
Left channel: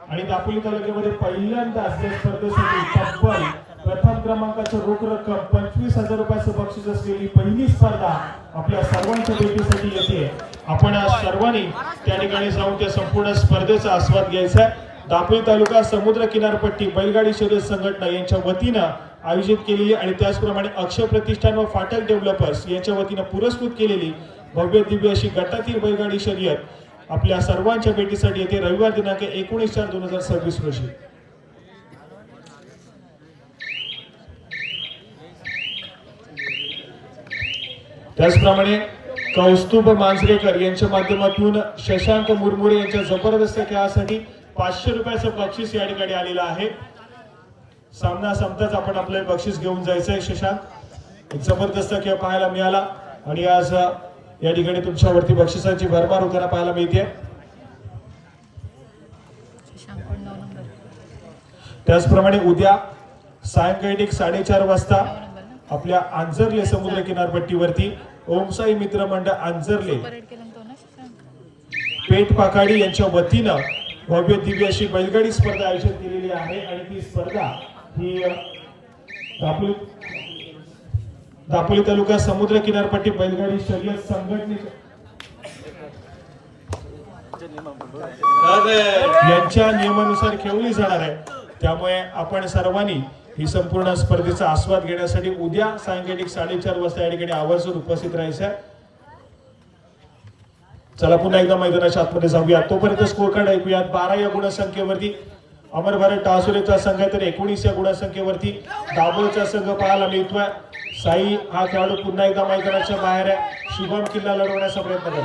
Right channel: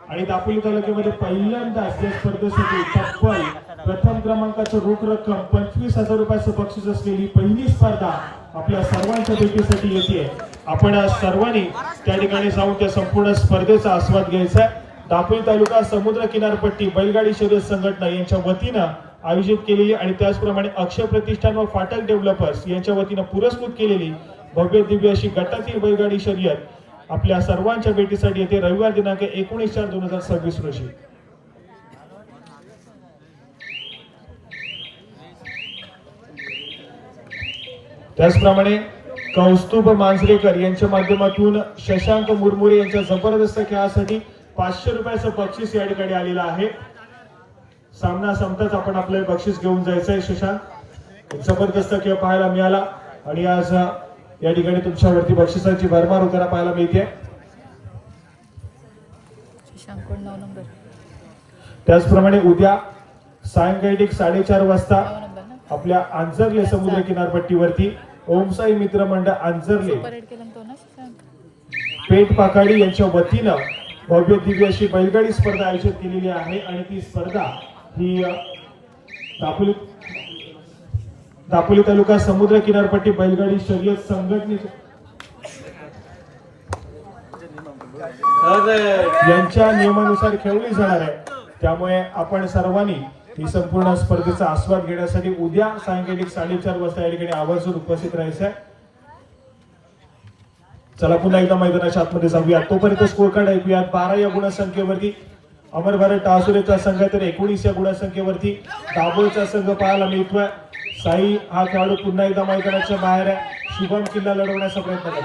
आणि दापोली तालुक्यामध्ये पहिल्यांदाच या स्पर्धेसाठी तब्बल प्रथम क्रमांकाचं रोख रक्कम 25,000 रुपयाचं बक्षीस असलेली पहिली स्पर्धा आपल्या सर्वांच्या भेटीसाठी येते. आपण सर्वांनी त्या ठिकाणी जाऊन त्या संपूर्ण स्पर्धेचा आस्वाद घ्यायचा आहे. दापोली तालुका समुद्र किनारपट्टी बैलगाडी शर्यत संघटना यांच्या वतीनं आयोजित केलेली आणि त्याचप्रमाणे अक्षय प्रतिष्ठान व फाटक डेव्हलपर्स यांच्या वतीनं पुरस्कृत केलेली भव्य दिव्य अशी गटातील बैलगाडी शर्यत आपल्या सर्वांच्या भेटीसाठी येते रविवार दिनांक 19/4/2026 रोजी. त्याचप्रमाणे कौस्तुभ मांजरेकर यांच्या माध्यमातून शशांक मुरमुरे यांच्या जबरदस्त खेळासाठी 500 रुपयाचं बक्षीस या ठिकाणी आलेलं आहे. सामना संपताच आपण आपलं बक्षीस घेऊन जायचंय. शशांक जबरदस्त खेळ पाहायला मिळाला आणि आज या ठिकाणी तुमच्यावरती बक्षिसाची भरमार होताना पाहायला मिळते. त्याचप्रमाणे उद्या सायंकाळी 4:30 वाजता आपल्या अंजरले समुद्र किनारपट्टीवरती ओमसाई मित्र मंडळ अंजरले पेठ पाकाडी यांच्या वतीनं भव्य दिव्य अशी बैलगाडी स्पर्धा आयोजित केलेली आहे आणि ती स्पर्धा ही दापोली तालुका समुद्र किनारपट्टी बैलगाडी शर्यत संघटनेच्या यांच्या नियमानुसार खेळली जाणार आहे. त्यामुळे आपण सर्वांनी ही संपूर्ण स्पर्धेचा आस्वाद घेण्यासाठी उद्या सायंकाळी 4:30 वाजता या ठिकाणी आवर्जून उपस्थित राहायचं आहे. चला पुन्हा एकदा मैदानाच्या आतमध्ये जाऊया. तोपर्यंत स्कोर कार्ड ऐकूया. 12 या गुणसंख्येवरती अमर भारत टासोळेचा संघ तर 19 या गुणसंख्येवरती दाभोळचा संघ पाहायला मिळतोय. साई हा खेळाडू पुन्हा एकदा मैदानाच्या बाहेर आहे. शुभम किल्ला लढवण्याचा प्रयत्न करतो.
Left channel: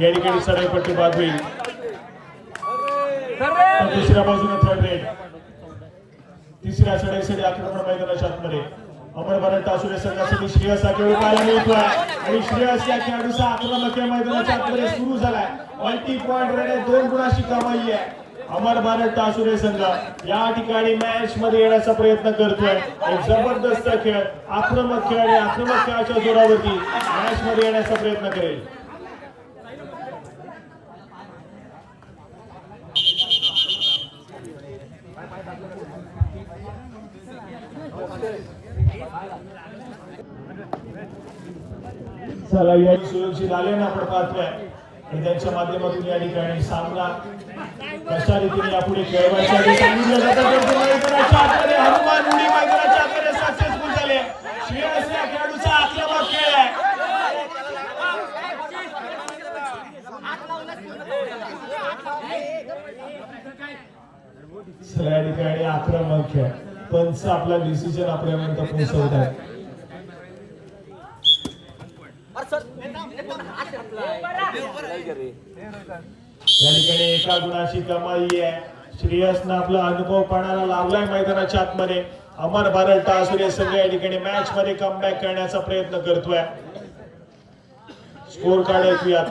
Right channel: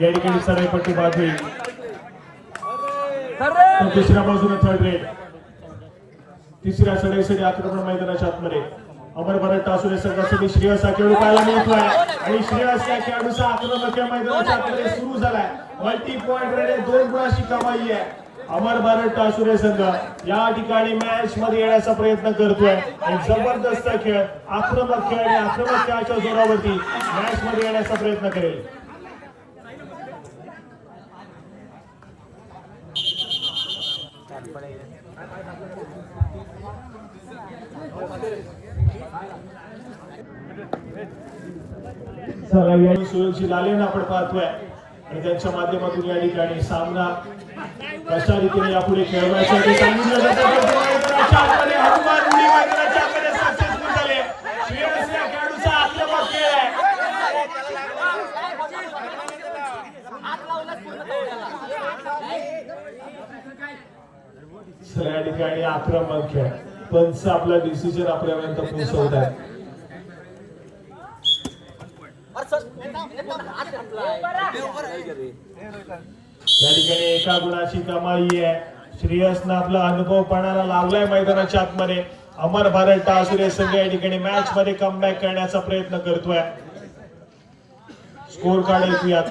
या ठिकाणी सडेपट्टी बाजू दुसऱ्या बाजूने थर्ड रेड तिसऱ्या चढाईसाठी आक्रमण मैदानाच्या आतमध्ये अमर भारत टासोळे संघासाठी श्रेयस हा खेळाडू पाहायला मिळतोय आणि श्रेयस या खेळाडूचा आक्रमक मैदानाच्या आतमध्ये सुरू झालाय. मल्टी पॉइंट रेड आहे. 2 गुणाची कमाई आहे. अमर भारत टासोळे संघ या ठिकाणी मॅच मध्ये येण्याचा प्रयत्न करतोय. एक जबरदस्त खेळ आक्रमक खेळ आणि आक्रमक खेळाच्या जोरावरती मॅच मध्ये येण्याचा प्रयत्न करेल. चला या सुरक्षित आल्यानं आपण पाहतोय आणि त्यांच्या माध्यमातून या ठिकाणी सामना कशा रीतीने यापुढे खेळवायचा हनुमान उडी मैदानाच्या आतमध्ये सक्सेसफुल झाले. श्रेयस या खेळाडूचा आक्रमक खेळ आहे. या ठिकाणी आक्रमक खेळ पंच आपला डिसिजन आपल्यापर्यंत पोहोचवत आहे. ठिकाणी एका गुणाची कमाई आहे. श्रेयसनं आपला अनुभव पणाला लावलाय मैदानाच्या आतमध्ये. अमर भारत टासुरे संघ या ठिकाणी मॅच मध्ये कमबॅक करण्याचा प्रयत्न करतोय. स्कोर कार्ड ऐकूयात.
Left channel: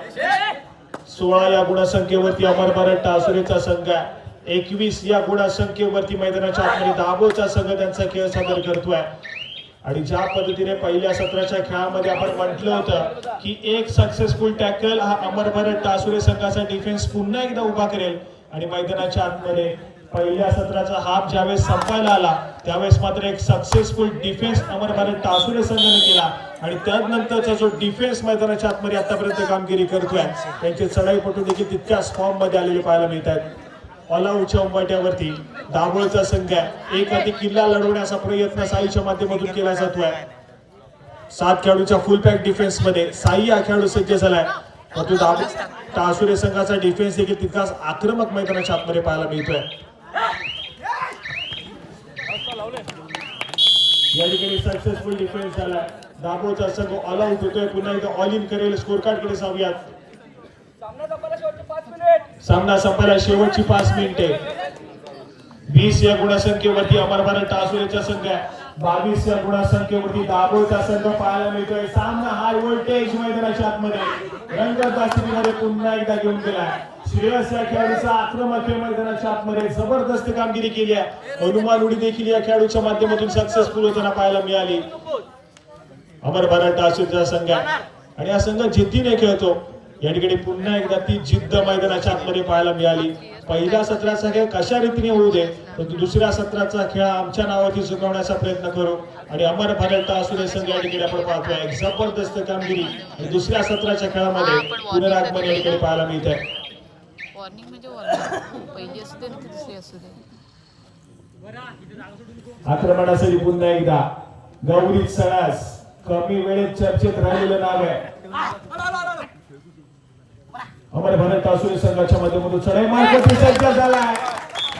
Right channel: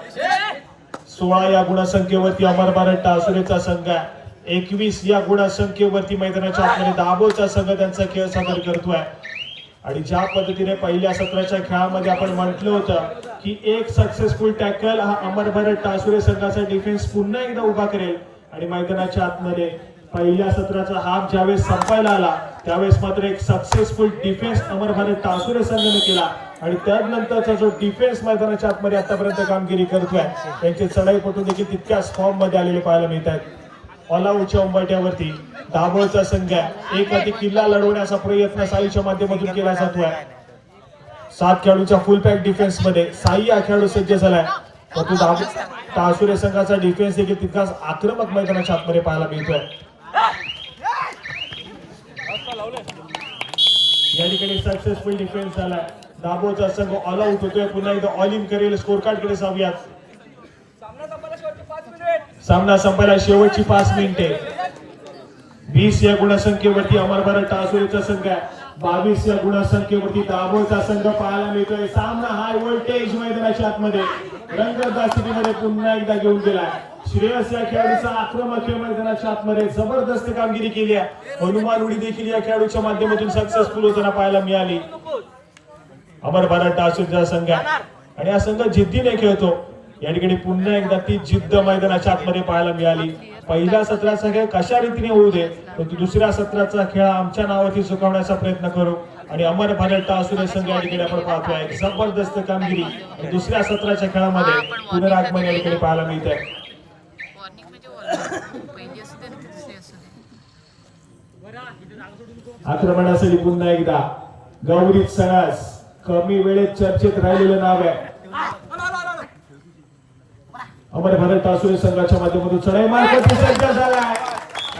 16 या गुणसंख्येवरती अमर भारत टासुरेचा संघ आहे. 21 या गुणसंख्येवरती मैदानाच्या आतमध्ये दाभोळचा संघ त्यांचा खेळ सादर करतोय. आणि ज्या पद्धतीने पहिल्या सत्राच्या खेळामध्ये आपण म्हटलं होतं की एक सक्सेसफुल टॅकल हा अमर भारत टासुरे संघाचा डिफेन्स पुन्हा एकदा उभा करेल. आणि मैदानाच्या आतमध्ये पहिल्या सत्राचा हाफ ज्यावेळेस संपायला आला त्यावेळेस मात्र एक सक्सेसफुल डिफेन्स अमर भारत टासुरे संघाने केला. आणि त्यानंतरचा जो डिफेन्स मैदानाच्या आतमध्ये आतापर्यंत कामगिरी करतोय त्यांचे चढाईपटू देखील तितक्याच फॉर्म मध्ये आलेले पाहायला मिळत आहेत. ऑलआउटच्या उंबरठ्यावरती दाभोळचा संघ एक अति किल्ला लढवण्याचा प्रयत्न साईच्या माध्यमातून केला जातोय. 7 खेळाडूच्या फुल पॅक डिफेन्स मध्ये साई हा खेळाडू सज्ज झालाय. परंतु टासुरे संघाचा डिफेन्स देखील तितकाच आक्रमक मैदानाच्या आतमध्ये पाहायला मिळतोय. या ठिकाणी सक्सेसफुल डिफेन्स झालाय. दाभोळचा संघ ऑल आउट होतोय. पुन्हा एकदा ऑल इन करेल. स्कोर कार्ड कडे जाऊयात. सामना संपायला शेवटची 5 मिनिटे. 20 या गुणसंख्येवरती अमर भारत टासुरेचा संघ आहे. 22 या गुणसंख्येवरती दाभोळचा संघ पाहायला मिळतोय. सामना हाय व्होल्टेज मैदानाच्या आतमध्ये रंगतदासीमध्ये पुन्हा एकदा घेऊन गेलाय. श्रेयस या खेळाडूचा आक्रमक मैदानाच्या आतमध्ये जबरदस्त कामगिरी केली आहे. हनुमान उडी देखील या खेळाडूच्या माध्यमातून सक्सेसफुल होताना पाहायला मिळाली. अमर भारत टासुरेचा संघ आहे आणि हा संघ जिद्दीने खेळतो. या ठिकाणी पुन्हा एकदा ती जिद्द मैदानाच्या आतमध्ये पाहायला मिळाली. पहिल्या सत्राचा खेळ कशा रीतीने होऊ दे परंतु दुसऱ्या सत्राचा खेळ आमच्या नावाची चुकवण्याचा प्रयत्न करू. आणि अमर भारत टासुरे संघ या ठिकाणी आपण पाहतोय जबरदस्त कामगिरी दुसऱ्या सत्राच्या खेळामध्ये पुनरागमन या ठिकाणी पाहायला मिळत आहे. आक्रमणासाठी पुन्हा एकदा गौरी सरस कमी वेळेत चर्चेत राहिलेलं नाव आहे. अमर भारत टासुरे संघाच्या माध्यमातून चढाई मारण्याची सज्ज झालाय.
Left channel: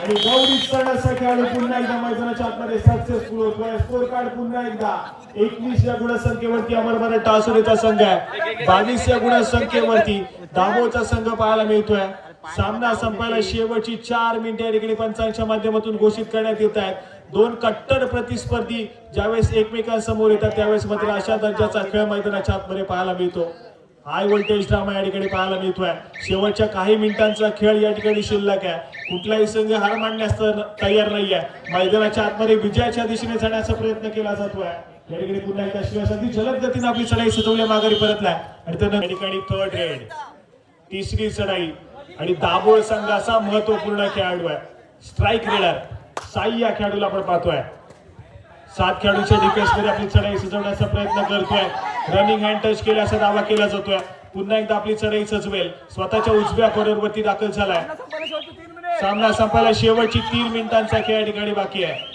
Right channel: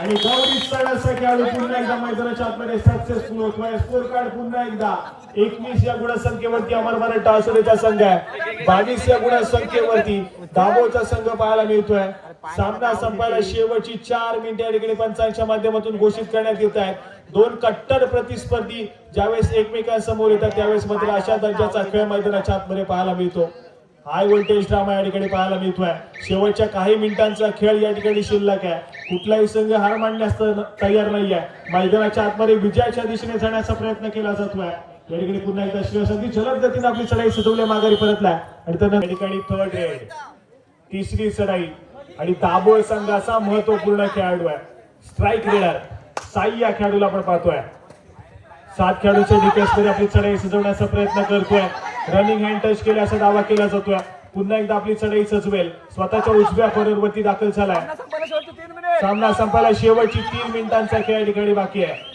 आणि गौरी सरस खेळाडू पुन्हा एकदा मैदानाच्या आतमध्ये सक्सेसफुल होतोय. स्कोर कार्ड पुन्हा एकदा 21 या गुणसंख्येवरती अमर भारत टासुरेचा संघ आहे. 22 या गुणसंख्येवरती दाभोळचा संघ पाहायला मिळतोय. सामना संपायला शेवटची 4 मिनिटे या ठिकाणी पंचांच्या माध्यमातून घोषित करण्यात येत आहेत. 2 कट्टर प्रतिस्पर्धी ज्यावेळेस एकमेकांसमोर येतात त्यावेळेस मात्र अशा दर्जाचा खेळ मैदानाच्या आतमध्ये पाहायला मिळतो. हाय व्होल्टेज ड्रामा या ठिकाणी पाहायला मिळतोय. शेवटच्या काही मिनिटांचा खेळ या ठिकाणी शिल्लक आहे. कुठलाही संघ हार मानण्यास तयार नाही आहे. मैदानाच्या आतमध्ये विजयाच्या दिशेने जाण्याचा प्रयत्न केला जातोय. या ठिकाणी पुन्हा एकदा श्रेयस अगदी जलद गतीने आपली चढाई सजवल्या माघारी परतलाय. आणि त्यानंतर या ठिकाणी थर्ड रेड तिसरी चढाई आणि दाभोळ संघाचा महत्वपूर्ण खेळाडू आहे. स्ट्राईक रेडर साई या खेळाडूला आपण पाहतोय. 7 खेळाडूच्या डिफेन्स मध्ये आपली चढाई सजवण्याचा प्रयत्न करतोय. रनिंग हँड टच केल्याचा दावा केला जातोय. पुन्हा एकदा आपली चढाई सजवेल. स्वतःच्या उजव्या कॉर्नरवरती दाखल झालाय. सामना संपायला शेवटची 3 मिनिटांचा खेळ या ठिकाणी बाकी आहे.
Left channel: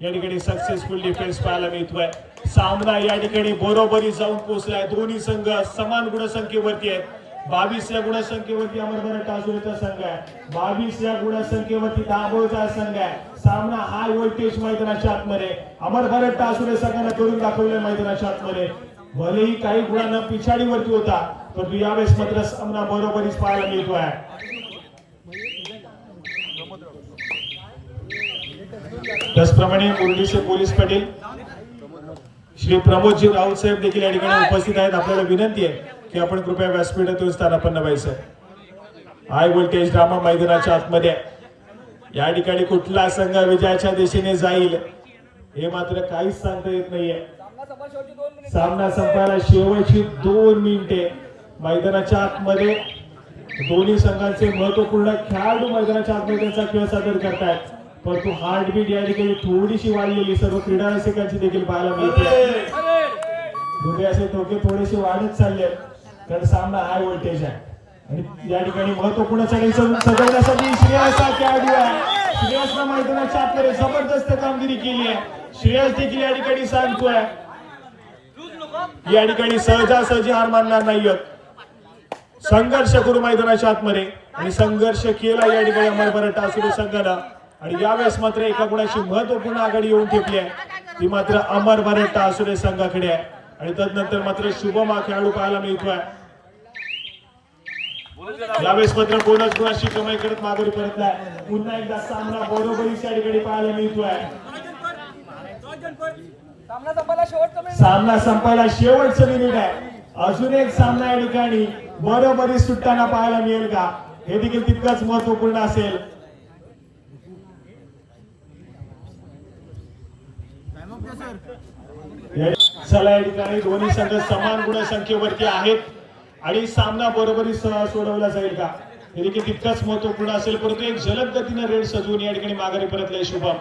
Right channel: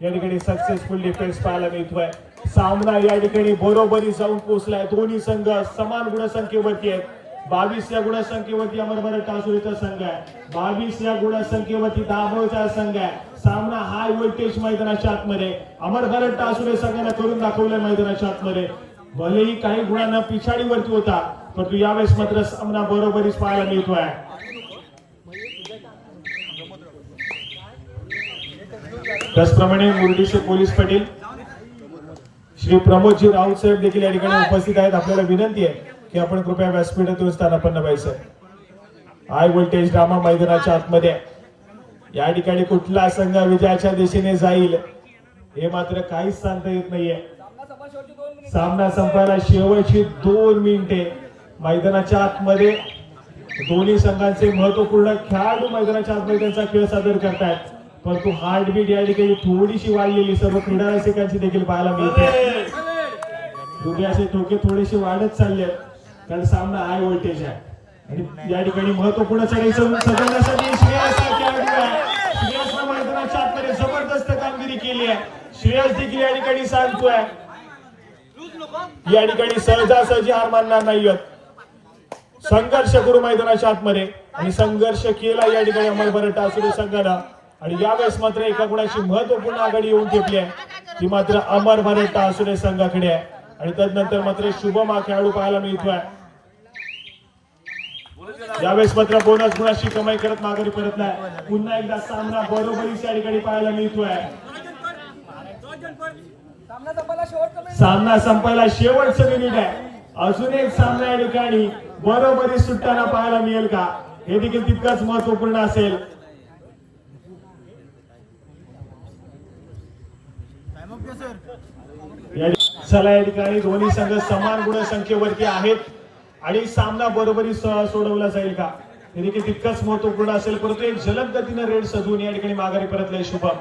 या ठिकाणी सक्सेसफुल डिफेन्स पाहायला मिळतोय. सामना या ठिकाणी बरोबरी जाऊन पोहोचलाय. दोन्ही संघ समान गुणसंख्येवरती आहेत. 22 या गुणसंख्येवरती अमर भारत टासुरेचा संघ आहे. 22 या गुणसंख्येवरती दाभोळचा संघ आहे. सामना हाय व्होल्टेज मैदानाच्या आतमध्ये अमर भारत टासुरे संघाने करून दाखवलं मैदानाच्या आतमध्ये. भलेही काही गुणांना पिछाडीवरती होता परंतु यावेळेस मात्र सामना बरोबरीच पाहायला मिळतोय. त्याचप्रमाणे मुरलीचे पोलीस पाटील श्री प्रमोदजी राहुल साहेब देखील या ठिकाणी उपस्थित आहेत. आपल्याला विनंती आहे की आपण कृपया व्यासपीठातून स्थानापन्न व्हायचं. हाय व्होल्टेज ड्रामा मैदानाच्या आतमध्ये या ठिकाणी कुठला संघ विजयाच्या दिशेने जाईल हे मात्र काहीच सांगता येत नाहीये. सामना संपायला शेवटची 2 मिनिटे. मैदानाच्या आतमध्ये दोन्ही संघांचे महत्वपूर्ण खेळाडू मैदानाच्या आतमध्ये त्यांचा खेळ सादर करतात. परंतु हार्टबीट या ठिकाणी थोडीशी वाढलेली सर्व क्रीडा रसिकांची देखील पाहायला मिळते. हृदयाचे ठोके थोडेसे वाढत चालले आहेत कारण सामना हाय व्होल्टेज आहे. आणि या ठिकाणी महत्वपूर्ण चढाई सजवण्यासाठी श्रेयस हा खेळाडू आहे. श्रेयसने मैदानाच्या आतमध्ये जबरदस्त कामगिरी केली आहे. श्रेयस देखील या ठिकाणी सांगतोय या ठिकाणी सहजासहजी हार मानणार नाहीयेत. संघर्ष करू मैदानाच्या आतमध्ये आणि संघर्ष केला या ठिकाणी अमर भारत टासुरे संघाला. आणि यावेळेस मात्र एका गुणाची महत्वपूर्ण आघाडी येऊन ठेपली आहे, ती मात्र अमर भरत आसुरे संघाकडे आहे. आणि तदनंतर मात्र शुभम हा खेळाडू पाहायला मिळतोय. यावेळेस मात्र बोनस गुणाची कमाई करत माघारी परतलाय. पुन्हा एकदा सामना बरोबरीच्या ठिकाणी पाहायला मिळतोय. सामना संपायला शेवटचं मिनिट आहे. अजून एक सामना या ठिकाणी बरोबरी सुटताना पाहायला मिळेल का, हे देखील तितकंच महत्वपूर्ण असेल. चला, या ठिकाणी दोन्ही संघ समान गुणसंख्येवरती आहेत आणि सामना बरोबरी सोडवला जाईल का, हे देखील तितकंच महत्वपूर्ण असेल. परंतु एक जलद गतीनं रेड सजवून या ठिकाणी माघारी परतले शुभम.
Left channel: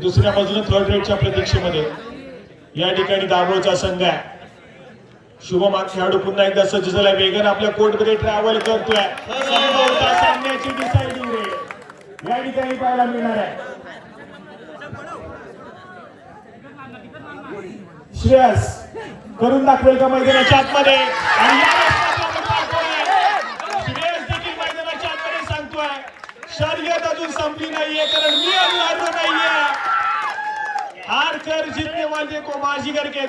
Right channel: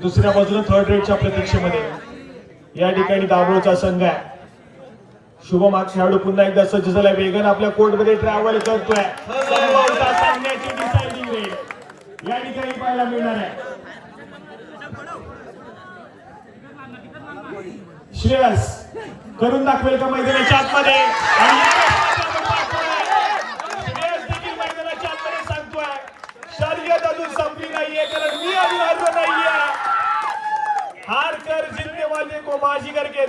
दुसऱ्या बाजूला थर्ड रेडच्या प्रतीक्षेमध्ये या ठिकाणी दाभोळचा संघ आहे. शुभम हा खेळाडू पुन्हा एकदा सज्ज झाला, वेगाने आपल्या कोर्टमध्ये ट्रॅव्हल करतोय. सामन्याची डिसाइडिंग रेड या ठिकाणी पाहायला मिळणार आहे. श्रेयस करून दाखवेल का मैदानाच्या आतमध्ये, आणि यावेळेस श्रेयस देखील मैदानाच्या आतमध्ये सांगतोय शर्यत अजून संपली नाहीये, कारण मी अजून हरलो नाहीये. हार कर जिंकने वाले को बाजीगर के